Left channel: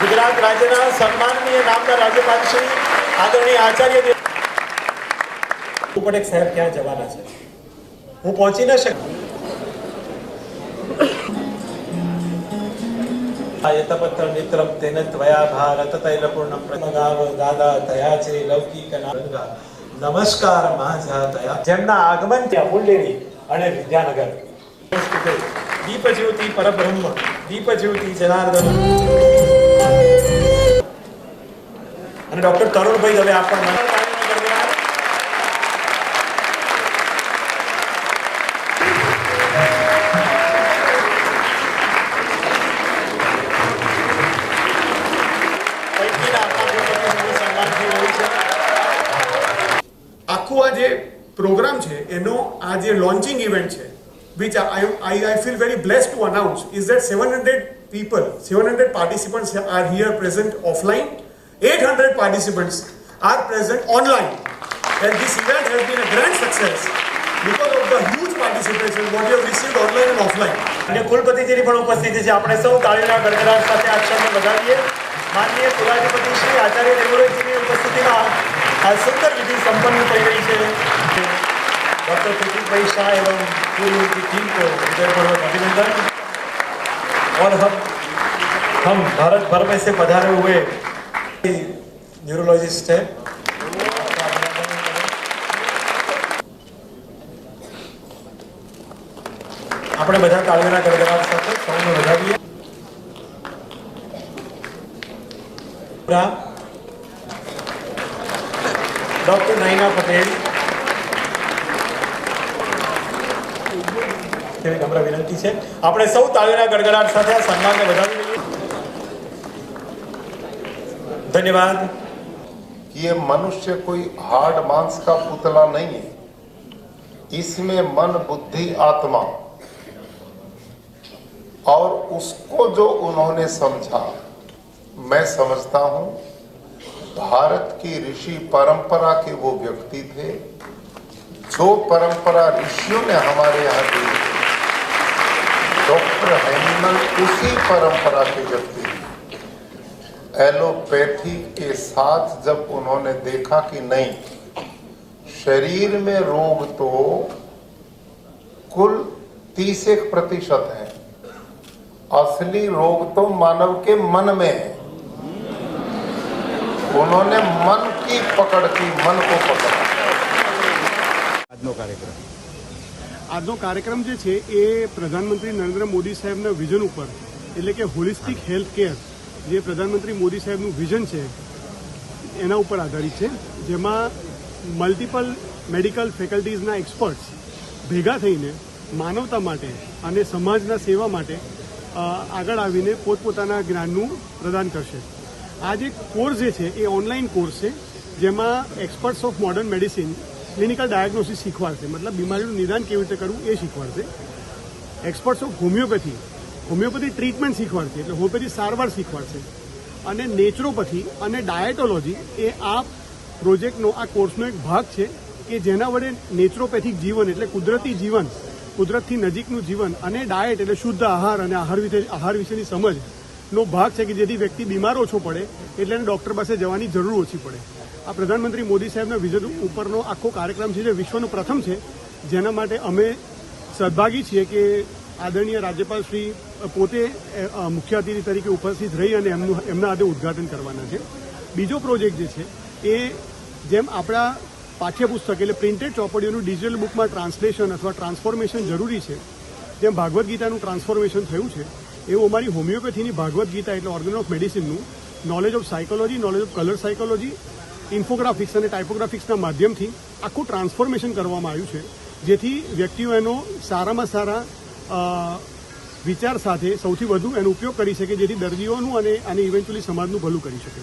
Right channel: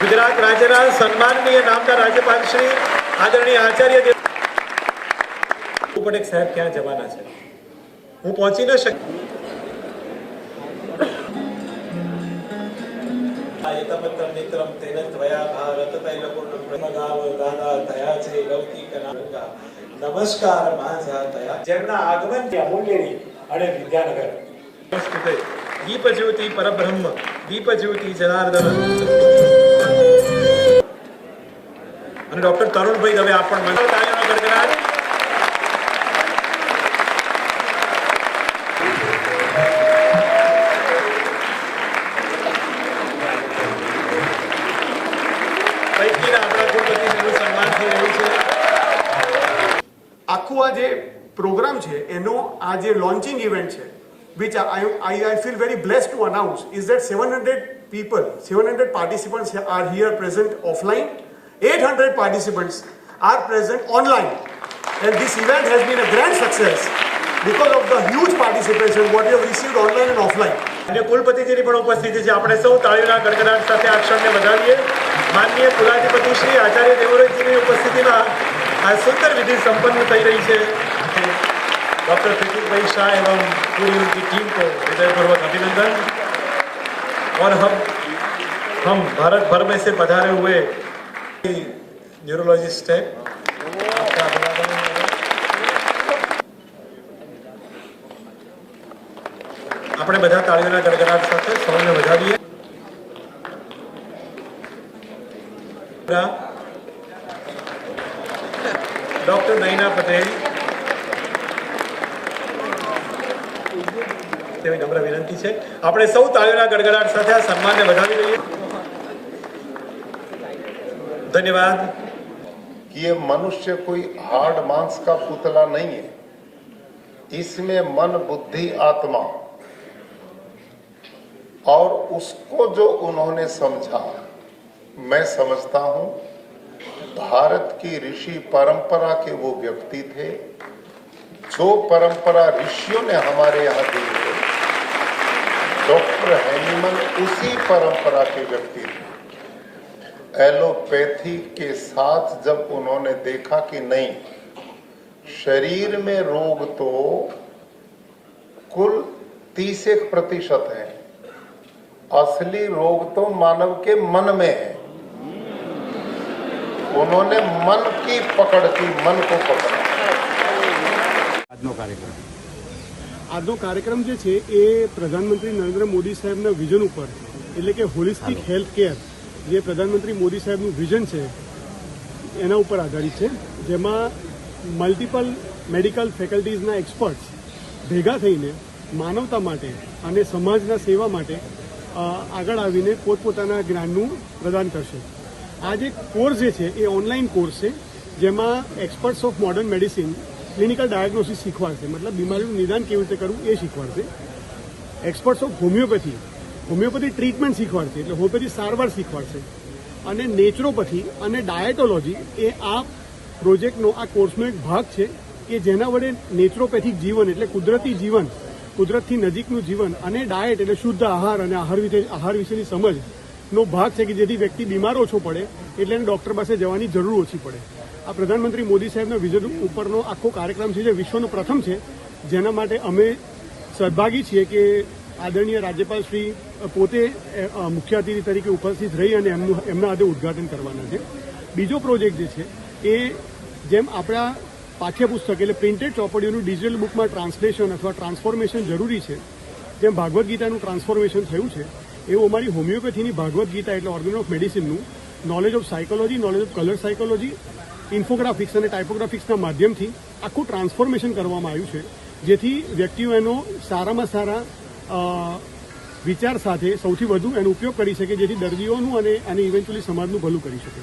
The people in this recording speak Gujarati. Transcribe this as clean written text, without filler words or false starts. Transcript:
ગુજરાત રાજ્યના સન્માનનીય નામના રાજ્યપાલ શ્રી આદરણીય આચાર્ય પટેલ સાહેબ ક્યાં જવાના છે, હું પહોંચી ન શકી. યતપત્ર મિત્રમ તેન ત્વયા ભારત તૈલપૂર્ણમ પ્રમગાવ દાદા તયા છે લૌકિક નાગા નમસ્કાર માઝા તયા. જેમના આગમન ત્યાં મુંડેરી અને વિદ્યાનગર દીપ જ્યોતિ પરબ્રહ્મ દીપ જ્યોતિ જનાર્દન અને ડોક્ટર તરુણભાઈ દવે આપ પણ મંગળ કાર્યનો ગણગણાટ. આખું આ જે પ્રોગ્રામ છે એનો આ જે લોન્ચિંગ ઇવેન્ટ છે, which I feel very blessed to announce, is that 700 participants are here present offline, 800 participants are present online, and this event has been a grand success because of the huge participation what you have received online and offline. અને કુલપતિજીની પણ ઉપસ્થિતિ છે. આપણે સૌ તાળીઓના ગડગડાટ સાથે આ ક્ષણને વધાવીએ. માનનીય કુલાધિપતિ શ્રી આચાર્ય દેવવ્રતજીની ઉપસ્થિતિમાં આ સુંદર વિધિ સંપન્ન થઈ ગઈ છે. डॉक्टर प्रतीक भाई शाह एवं पूरी उनकी टीम को हृदयपूर्वक अभिनंदन. और हम भारत भर में से पधारे हुए न्यूरोलॉजिस्ट हैं. આપણે બધા તાળીઓના ગણગણાટ સાથે સૌને વધાવીએ. ડોક્ટર નયના પટેલ નમ્ર વિનંતી છે, આપણે સૌ તાળીઓના ગડગડાટ સાથે આ સન્માનને વધાવી લઈએ. धन्यवाद. ये मनुष्य कोई हार्ड मांस का पुतला नहीं है, इसमें मन बुद्धि आत्मा और उसको जो उन्होंने समझा, मैं समझता हूं भारत की ऋषि परंपरा के वो व्यक्ति थे जो परंपरा ऋषियों ने हमारे यहाँ दी. डॉक्टर एनिमल उसी परंपरा के व्यक्ति थे. एलोपैथी के साथ जब उन्होंने देखा कि नहीं, शरीर में रोग तो कुल 30% है, असली रोग तो मानव के मन में है. उन्होंने मन की पकड़ की, मन को पकड़. આજનો કાર્યક્રમ જે છે એ પ્રધાનમંત્રી નરેન્દ્ર મોદી સાહેબના વિઝન ઉપર, એટલે કે હોલિસ્ટિક હેલ્થ કેર, જે પ્રધાનમંત્રી મોદી સાહેબનું વિઝન છે એના ઉપર આધારિત છે. જેમાં મલ્ટિપલ મેડિકલ ફેકલ્ટીઝના એક્સપર્ટ્સ ભેગા થઈને માનવતા માટે અને સમાજના સેવા માટે આગળ આવીને પોતપોતાના જ્ઞાનનું પ્રદાન કરશે. આ જે કોર્સ જે છે એ ઓનલાઈન કોર્સ છે, જેમાં experts of modern medicine clinical diagnosis શીખવાડશે, મતલબ બીમારીનું નિદાન કેવી રીતે કરવું એ શીખવાડશે. એક્સપર્ટ્સ ઓફ હોમિયોપેથી ટ્રીટમેન્ટ શીખવાડશે, એટલે હોમિયોપેથી સારવાર શીખવાડશે. અને નેચરોપેથી અને ડાયટોલોજી એ આ પ્રોજેક્ટનો, આ કોર્સનો એક ભાગ છે કે જેના વડે નેચરોપેથિક જીવન એટલે કુદરતી જીવન, કુદરતથી નજીકનું જીવન, અને ડાયટ એટલે શુદ્ધ આહાર અને આહાર વિશેની સમજનો ભાગ છે કે જેથી વ્યક્તિ બીમાર ઓછો પડે, એટલે એને ડોક્ટર પાસે જવાની જરૂર ઓછી પડે. આ પ્રધાનમંત્રી મોદી સાહેબના વિઝન ઉપરનો આખો કાર્યક્રમ છે જે વિશ્વનો પ્રથમ છે, જેના માટે અમે સદભાગી છીએ કે આદરણીય રાજ્યપાલ શ્રી પોતે મુખ્ય અતિથિ તરીકે ઉપસ્થિત રહી અને એમના હાથે ઉદઘાટન કરવાના છે. બીજો પ્રોજેક્ટ જે છે એ જેમ આપણા પાઠ્યપુસ્તક એટલે પ્રિન્ટેડ ચોપડીઓનું ડિજિટલ બુકમાં ટ્રાન્સલેશન અથવા ટ્રાન્સફોર્મેશન જરૂરી છે, જેમ ભાગવદ્ ગીતાનું ટ્રાન્સફોર્મેશન થયું છે, એવું અમારી હોમિયોપેથીની ભાગવદ્ ગીતા એટલે ઓર્ગન ઓફ મેડિસિનનું knowledge of psychology, knowledge of colour psychology, infographics અને ટાઇપોગ્રાફિક્સના માધ્યમથી આખું ટ્રાન્સફોર્મેશન કરવામાં આવ્યું છે, જેથી વ્યક્તિઓ એનો સારામાં સારા વિચાર સાથે સૌથી વધુ એનો ઉપયોગ કરી શકે, જેથી દર્દીઓનું અને ઇવેન્ચ્યુઅલી સમાજનું ભલું કરી શકે.